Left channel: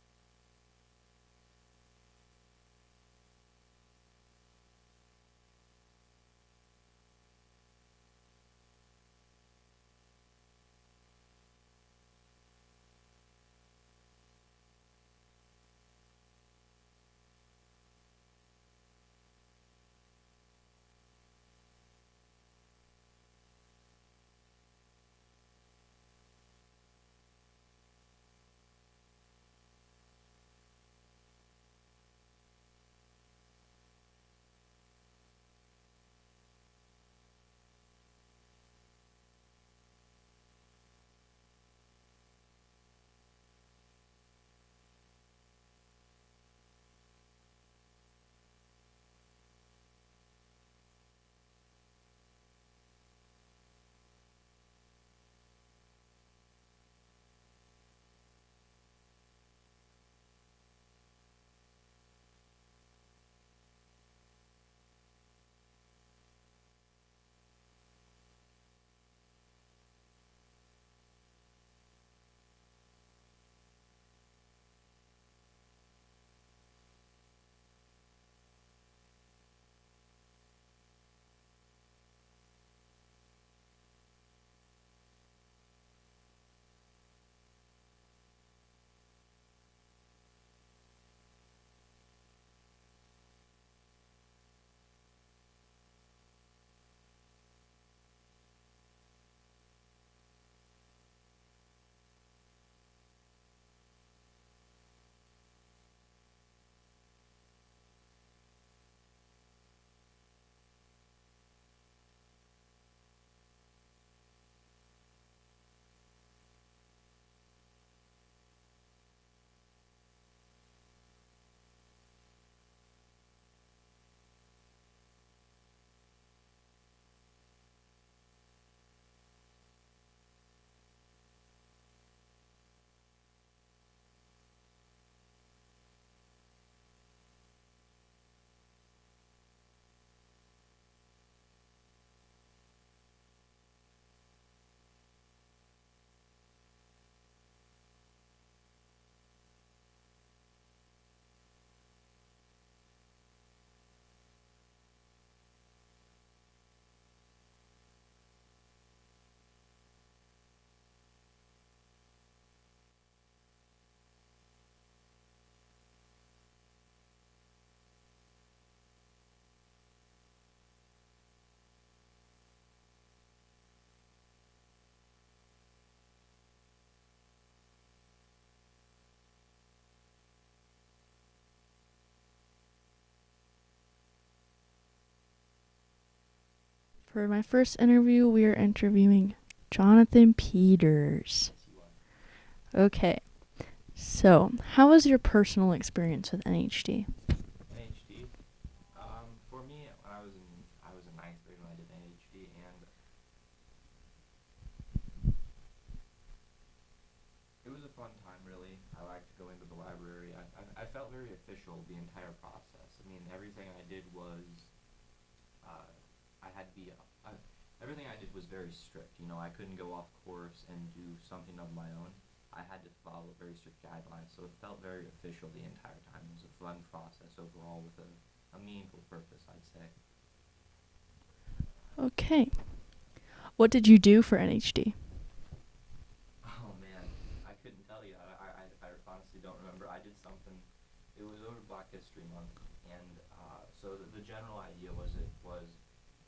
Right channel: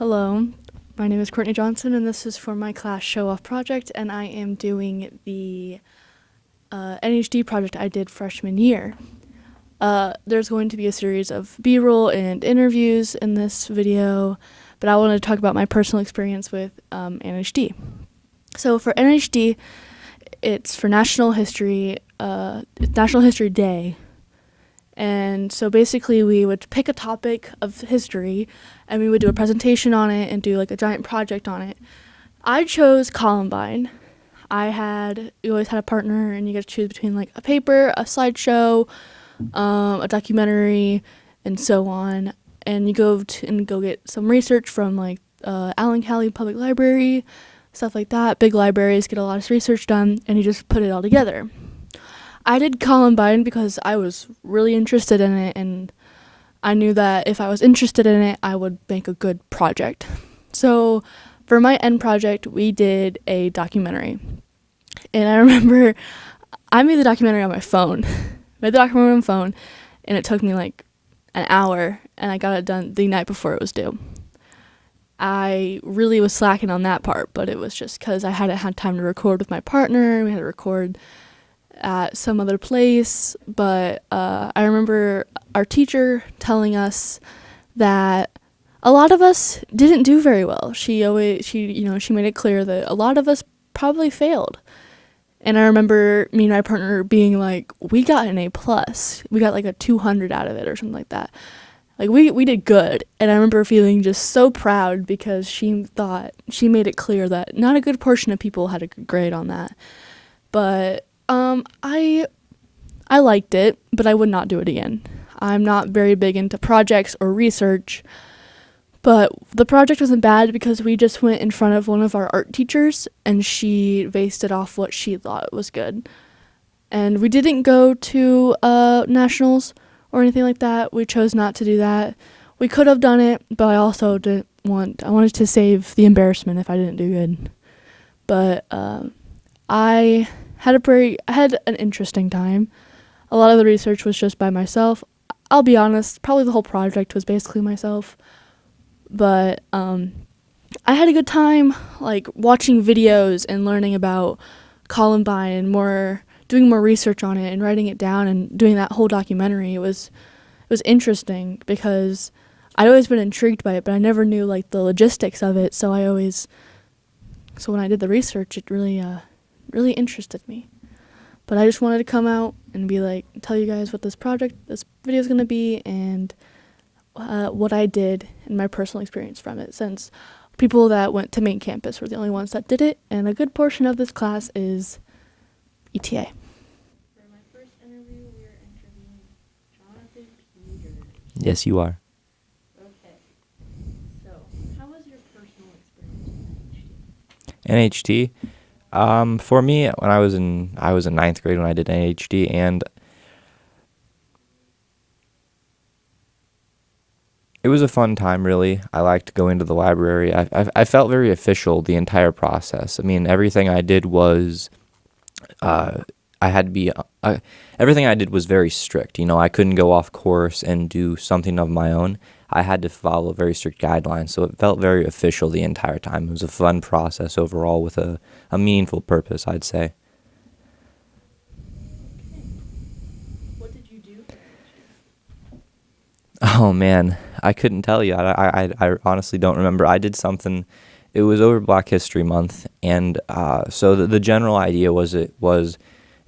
Hello, my name is Courtney Johnson, and this is for my class show-off project, and I am doing the NHD project I did freshman year. There's going to be a series of B-roll and interviews in this video, but I wanted to talk about my personal experience with NHD. So for NHD, it's for National History Day. And so basically we would pick a topic of history and we would do a presentation on it and do like a giant project on it. I chose Columbine. You always had a partner and you get to choose between like a paper, a slideshow, a documentary, and so on. And you go get some research from like Allen County Public Library, stuff like that. Big libraries get a lot of research done and you just put it all together. I did Columbine because I was really interested in it, and I knew that if I was interested in it, I would make a good project. So for my end project, we did a documentary. And I remember I made the documentary on my phone. And it took me like an hour, and I got it done the night before it was due. I really was slacking on that part, but it was just because I hadn't had time to record with my partner. We had to record at some other place, but I remember our teacher telling us that a lot of us didn't do very well. She made it clear that a lot of us probably failed. And I remember me and my partner being like, we got an A+. We got like a 200 out of it or something like that. Like we did good. And I remember feeling just so proud because she made it clear that not a good portion of people had a good grade on that. But I liked it, but I would not do it again. I'm not very big into projects or research, but the project wasn't bad because we just went in front of one of our art teachers and she based it off what she thought was good. And we didn't go to nationals or anything like that. We chose not to do that. We could have done it, but I also I wanted to save the embarrassment if I didn't do good. But I had an interesting time. A lot of the research was just by myself. I'll be honest, probably the whole project was basically myself. But I had a good time, like watching videos and learning about Columbine and doing more research on it and writing it down and doing that whole documentary. It was interesting because I'd always been intrigued by it, but I never knew like the logistics of it. So when I did the research, it really interested me. But I just wanted to come out and be like, tell you guys what this video is going to be and what I did and my personal experience from it, since people that went to main campus were the only ones that did it, and a good portion of this class is ETA. For my first interview, we are interviewing Jonathan Peters. Yes, you are. Okay. So, how was your personal experience with NHD? NHD. For me, when I was in ninth grade when I did NHD, and it was a fun time. Really, I liked going to the library. I felt very official the entire process. I mean, everything I did was, everything I did was very strict. You know, I couldn't go off course and do something of my own. I had to follow very strict guidelines, so it felt very official the entire time. It was a fun process overall with a meaningful purpose, I'd say. Okay. What did you do for NHD? Oh, man, I couldn't tell you. I honestly don't remember. I did something. It was over Black History Month, and so the general idea was it was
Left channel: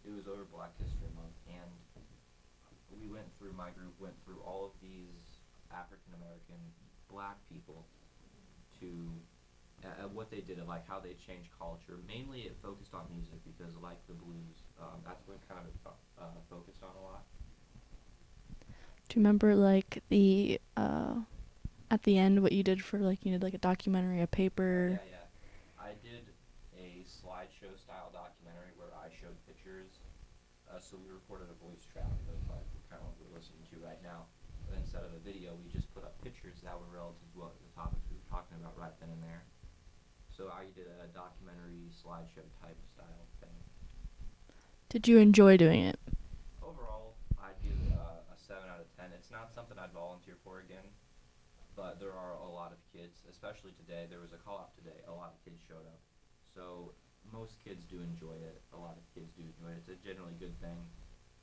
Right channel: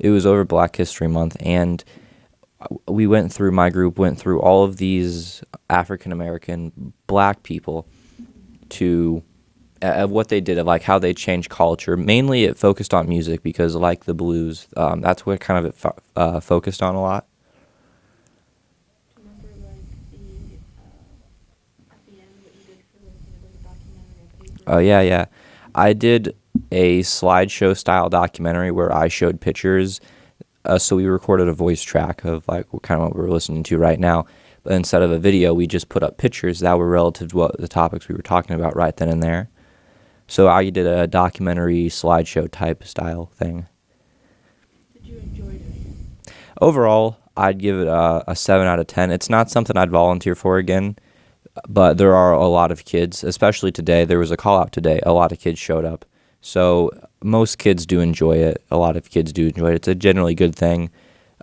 over Black History Month, and my group went through all of these African-American black people to what they did, of like how they changed culture. Mainly it focused on music because like the blues, that's what kind of it focused on a lot. Do you remember like the at the end what you did for like you did like a documentary, a paper? Oh yeah. I did a slideshow style documentary where I showed pictures. So we recorded a voice track of like kind of what we're listening to right now. But instead of a video, we just put up pictures that were relative to what the topics we were talking about right then and there. So I did a documentary slideshow type style thing. Did you enjoy doing it? Overall, I'd give it a 7 out of 10. It's not something I'd volunteer for again. but there are a lot of kids, especially today. There was a call out today. A lot of kids showed up. So most kids do enjoy it. A lot of kids do enjoy it. It's a generally good thing.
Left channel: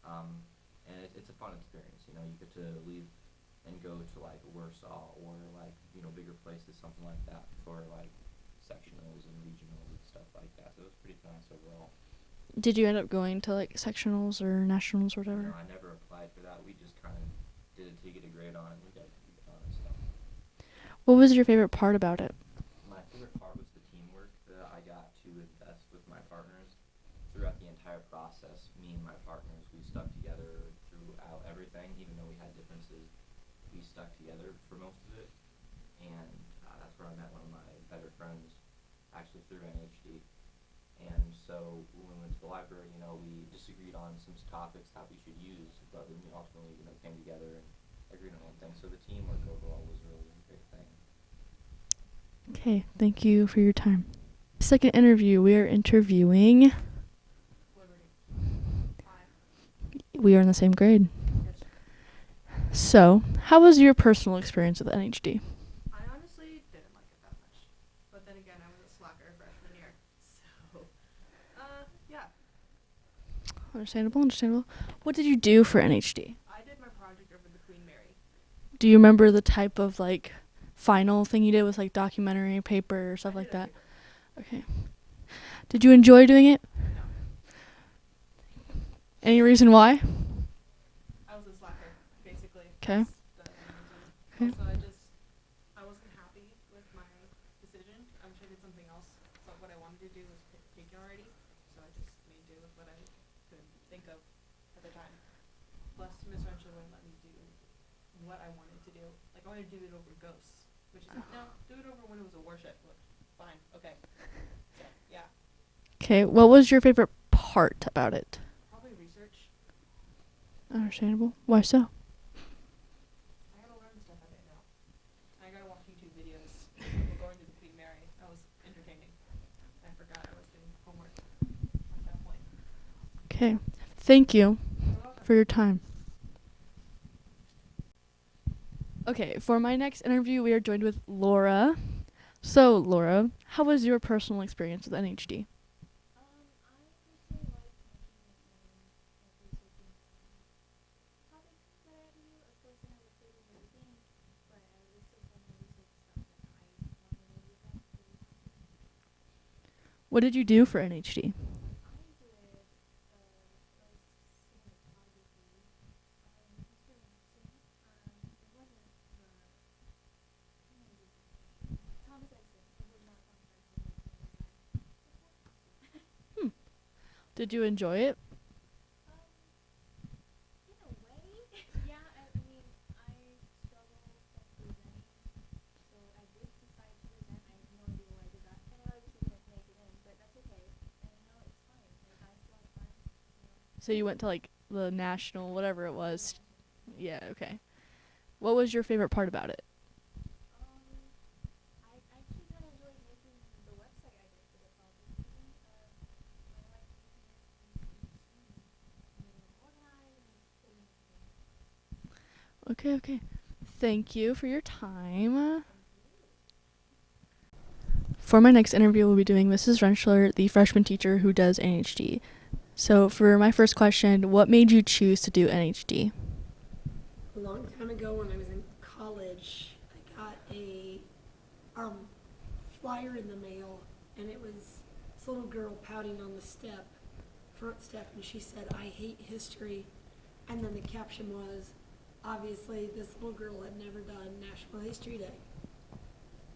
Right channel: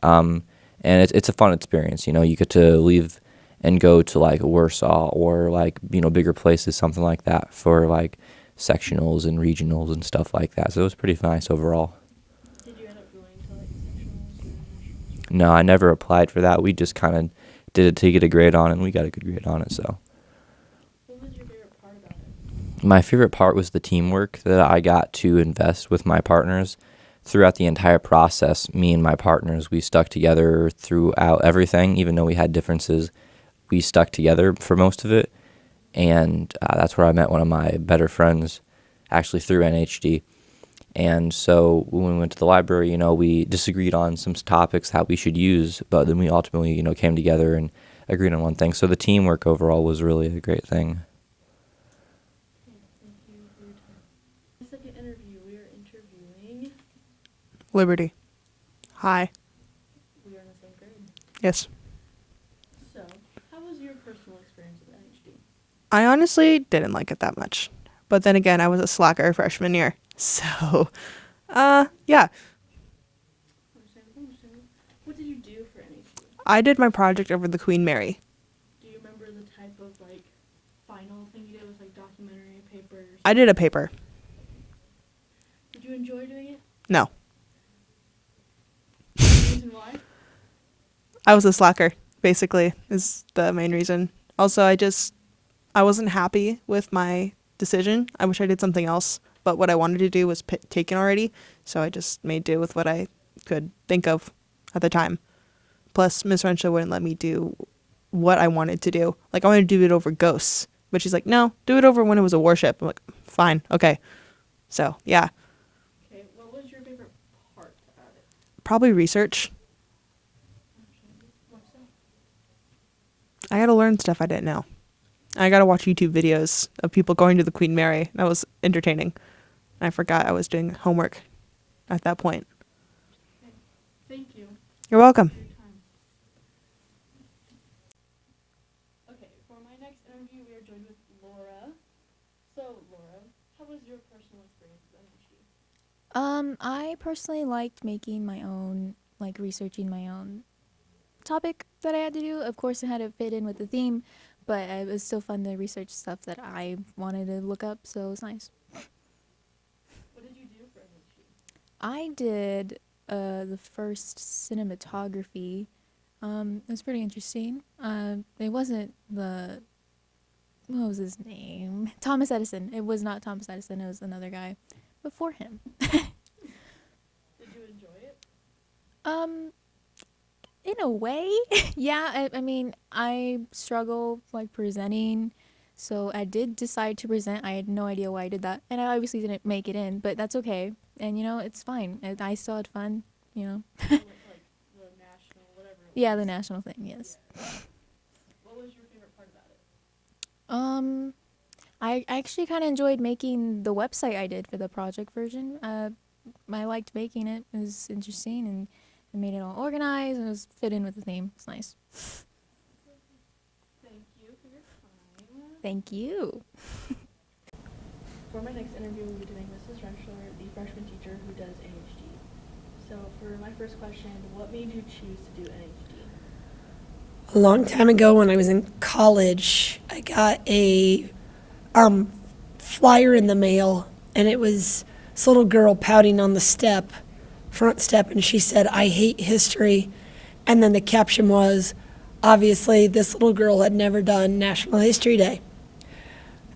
Um, and it's a fun experience. You know, you get to leave and go to like Warsaw or like, you know, bigger places, something like that for like sectionals and regionals and stuff like that. So it was pretty nice overall. Did you end up going to like sectionals or nationals or whatever? No, I never applied for that. We just kind of did it to get a grade on it, and we got a good grade on it. So What was your favorite part about it? my favorite part was the teamwork that I got to invest with my partners throughout the entire process. Me and my partners, we stuck together throughout everything, even though we had differences. We stuck together for most of it, and that's where I met one of my better friends, actually through NHD. And so when we went to the library, you know, we disagreed on some topics that we should use, but then we ultimately, you know, came together and agreed on one thing. So the teamwork overall was really a great thing. Okay, thank you for your time. Second interview, we are interviewing. Liberty. Hi. We are in the same grade. Yes. So, how was your personal experience with NHD? I honestly didn't like it that much. But then again, I was a slacker freshman year. So, yeah. Understandable. What did you do for NHD? I did my project over the Queen Mary. Do you remember the type of like final thing you did with like documentary paper or something? I did like a that? paper. Okay. Did you enjoy doing it? No. Any reason why? I was a slacker, basically, 'Kay. is the main reason. Also, I wasn't happy with my decision. I wish I did something else. But what I wanted to do was taken already. So I just made do with what I could think of at the time. Plus, Miss Renshaw wouldn't let me do what I wanted to do. Like, I wanted to do it over ghosts. But she's like, no, do it over when it was a warship. I'm like, fine, okay. So, yeah. Okay. What was your favorite part about it? Probably research. Understandable. Why so? I got to learn stuff I didn't know. I got to watch YouTube videos of people going to the Queen Mary. That was entertaining. I forgot I was doing homework at that point. Okay. Thank you You're welcome. for your time. Okay, for my next interview, we are joined with Laura. So, Laura, how was your personal experience with NHD? I personally liked making my own, like researching my own topic that I had to do. Of course, it had to fit in with the theme, but it was still fun to research stuff that I wanted to look up, so it was nice. What did you do for NHD? I did the first cinematography. It was pretty interesting. It wasn't what was his name? Thomas Edison. It was not Thomas Edison. It was another guy before him. Did you enjoy it? In a way, yeah. I mean, I struggle like presenting, so I did decide to present. I had no idea why I did that, and I obviously didn't make it in, but that's okay. And you know, it's fine. I still had fun. You know. So you went to like the national, whatever it was. Yeah, the national thing. Yes. Yeah. Okay. What was your favorite part about it? I actually kind of enjoyed making the website I did for the project version. I liked making it. It was interesting, and it made it all organized, and it was fit in with the theme. It's nice. Okay. Thank you for your time. Thank you. For my next interview, we'll be doing Mrs. Rentschler, the freshman teacher who does NHD. So for my first question, what made you choose to do NHD? A long time ago when I was in college, I got a flyer in the mail, and it was this little girl pouting on the front step, and she said, "I hate history." And then the caption was, obviously, this little girl had never done National History Day.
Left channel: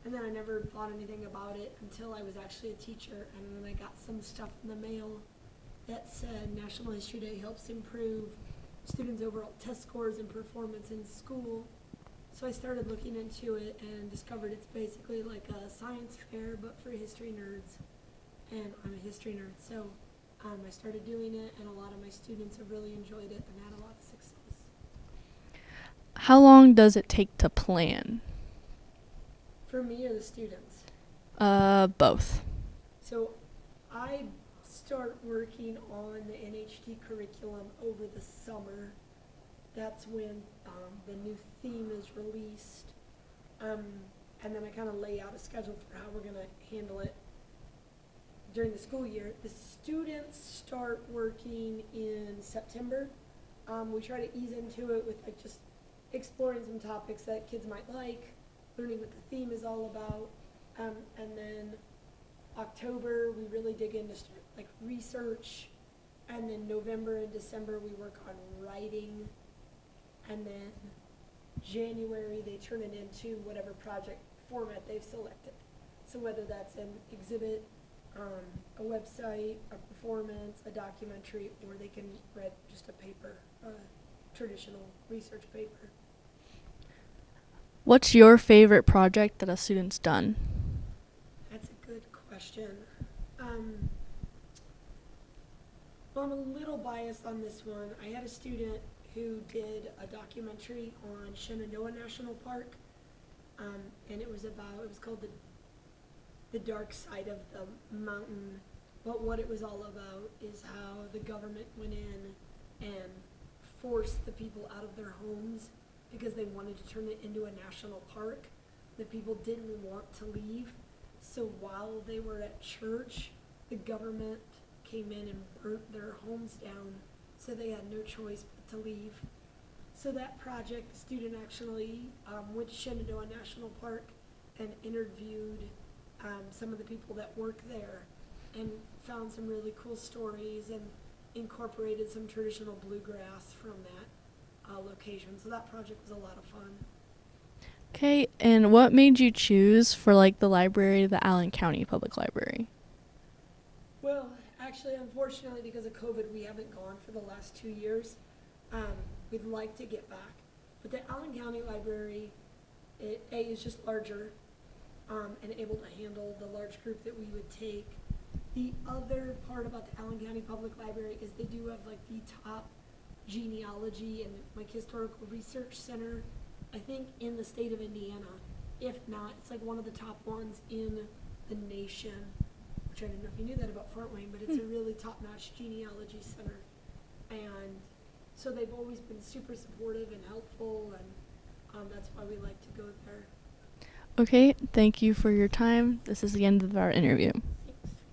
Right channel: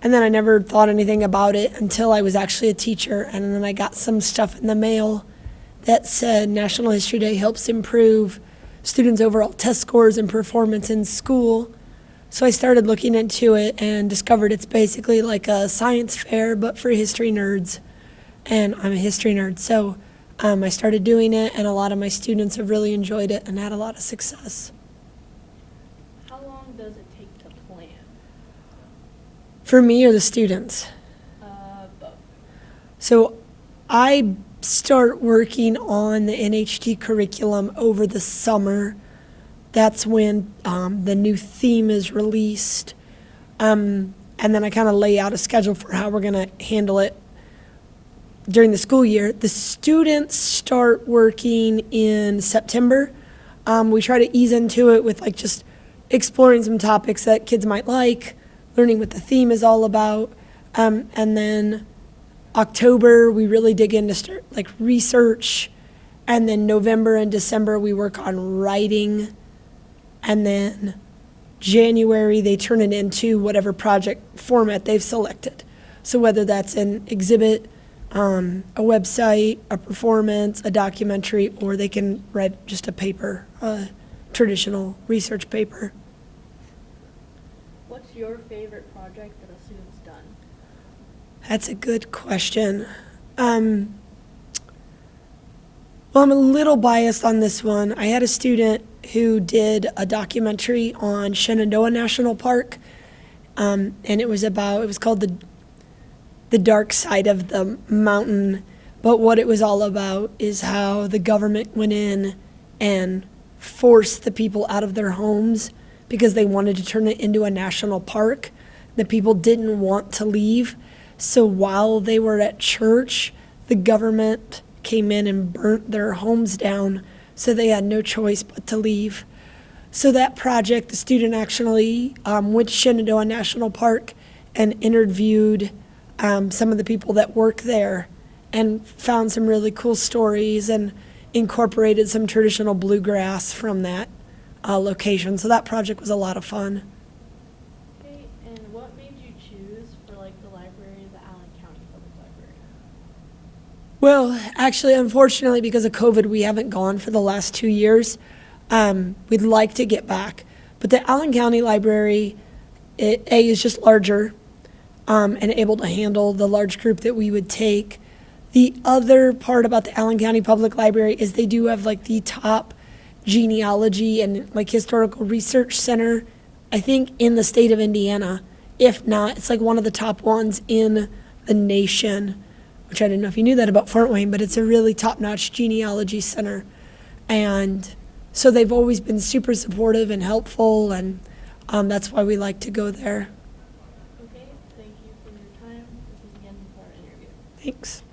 And then I never thought anything about it until I was actually a teacher, and then I got some stuff in the mail that said National History Day helps improve students' overall test scores and performance in school. So I started looking into it and discovered it's basically like a science fair, but for history nerds. And I'm a history nerd, so I started doing it, and a lot of my students have really enjoyed it and had a lot of success. How long does it take to plan? For me or the students? Both. So I start working on the NHD curriculum over the summer. That's when the new theme is released. And then I kind of lay out a schedule for how we're going to handle it during the school year. The students start working in September. We try to ease into it with like just exploring some topics that kids might like, learning what the theme is all about. And then October, we really dig into start like research. And then November and December, we work on writing. And then January, they turn it into whatever project format they've selected. So whether that's an exhibit, a website, a performance, a documentary, or they can write just a paper, a traditional research paper. What's your favorite project that a student's done? That's a good question. Well, I'm a little biased on this one. I had a student who did a documentary on Shenandoah National Park, and it was called the Dark Side of the Mountain. But what it was all about is how the government went in and forced the people out of their homes because they wanted to turn it into a national park. The people didn't want to leave. So while they were at church, the government came in and burnt their homes down, so they had no choice but to leave. So that project, the student actually went to Shenandoah National Park and interviewed some of the people that work there and found some really cool stories and incorporated some traditional bluegrass from that location. So that project was a lot of fun. Okay, and what made you choose for like the library, the Allen County Public Library? Well, actually, unfortunately, because of COVID, we haven't gone for the last 2 years. We'd like to get back. But the Allen County Library, is just larger and able to handle the large group that we would take. The other part about the Allen County Public Library is they do have like the top genealogy and like historical research center, I think, in the state of Indiana. If not, it's like one of the top ones in the nation, which I didn't know if you knew that about Fort Wayne, but it's a really top-notch genealogy center. And so they've always been super supportive and helpful, and that's why we like to go there. Okay, thank you for your time. This is the end of our interview. Thanks.